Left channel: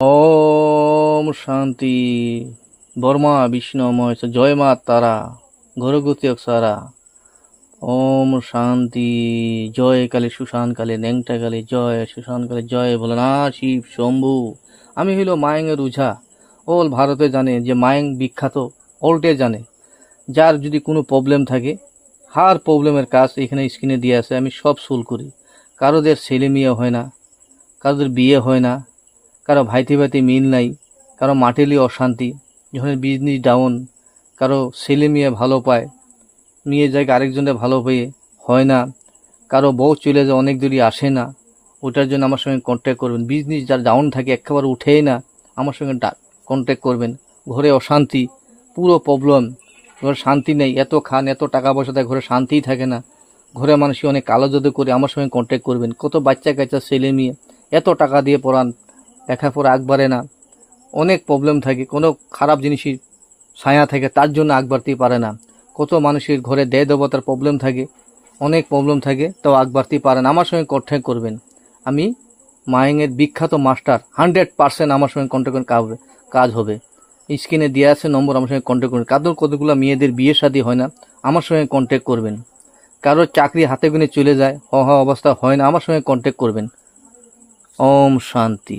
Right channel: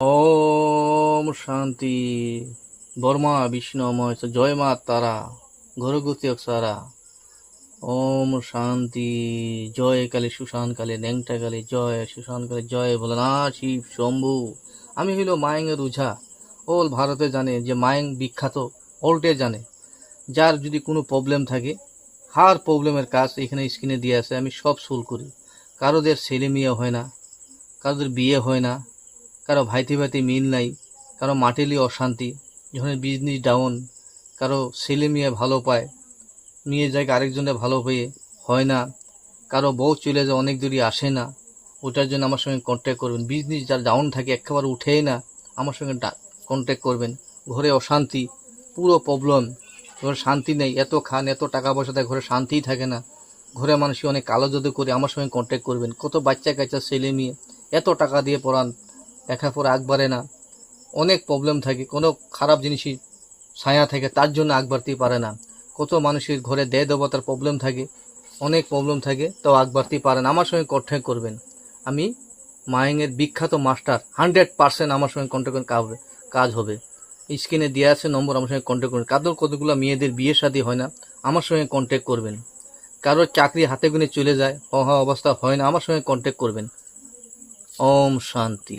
ওম শান্তি। বর্মা বিষ্ণুময় জয় মা তারা ঘরগতি সারা। ওম শান্তি। জয় কালী সুশান কালী ন্যাংটা কালী জয় সুশান কালী জয় ভোলানাথ শিব শম্ভু। আমি হইল মায়ের উঝা। অল ভারতে জানে যে মায়েং বিখ্যাত, অলটে জানে। যার যদি কোনো প্রবলেম থাকে, হার প্রবলেমের কাজ এখানে স্ক্রিনে দিয়ে আছে, আমি সব সলভ করি। কারোদের ছেলে মেয়ে হয় না, কারোদের বিয়ে হয় না, কারো ভাইতে ভাইতে মিল নাই, কারো মাটেলি অশান্তি, যখন বিজনেস ডাউন, কারো ছেলে মেয়ে ভালো পায়, মেয়ে জায়গায় আরেকজনে ভালো পেয়ে হয় না, কারো বউ চলে যায় অনেক দূরই আসে না, ওটার জন্য আমার সঙ্গে কন্ট্যাক্ট করবেন। বিজনেস যার ডাউন থাকে একেবারে উঠেই না, আমার সঙ্গে কন্ট্যাক্ট করবেন। ঘরে অশান্তি, পুরো প্রবলেম, ঘরে শান্তি নেই, এত খান এত টাকা পয়সা দেয়, ঘরে শান্তিই থাকে না, ঘরে মানুষ অনেক কালো জাদু করে, আমার সঙ্গে কন্ট্যাক্ট করবেন। কত বাচ্চা কাচ্চা ছেলে মেয়ে এত টাকা দিয়ে পড়ান, লেখাপড়া আগ বাড়ে না, অনেক প্রবলেম থাকে, কোনো খারাপ জিনিসই ছায়া থাকে, তার জন্য আগ বাড়তেই পারে না। কত মানুষের ঘরে দেয় দেবতার প্রবলেম থাকে, অনেক প্রবলেম থাকে, তাও আগ বাড়তেই পারে না। আমার সঙ্গে কন্ট্যাক্ট করবেন। আমি মায়ের বিখ্যাত মাস্টার, 100% আমার সঙ্গে কন্ট্যাক্ট করেন, কাজ হবে। স্ক্রিনে দেওয়া আছে নম্বর, আমার সঙ্গে কন্ট্যাক্ট করবেন। কতগুলো মেয়েদের বিয়ে শাদী হয় না, আমার সঙ্গে কন্ট্যাক্ট করবেন। কারোর চাকরি হাতে গুনে চলে যায়, অবস্থা হয় না, আমার সঙ্গে কন্ট্যাক্ট করবেন। ওম শান্তি।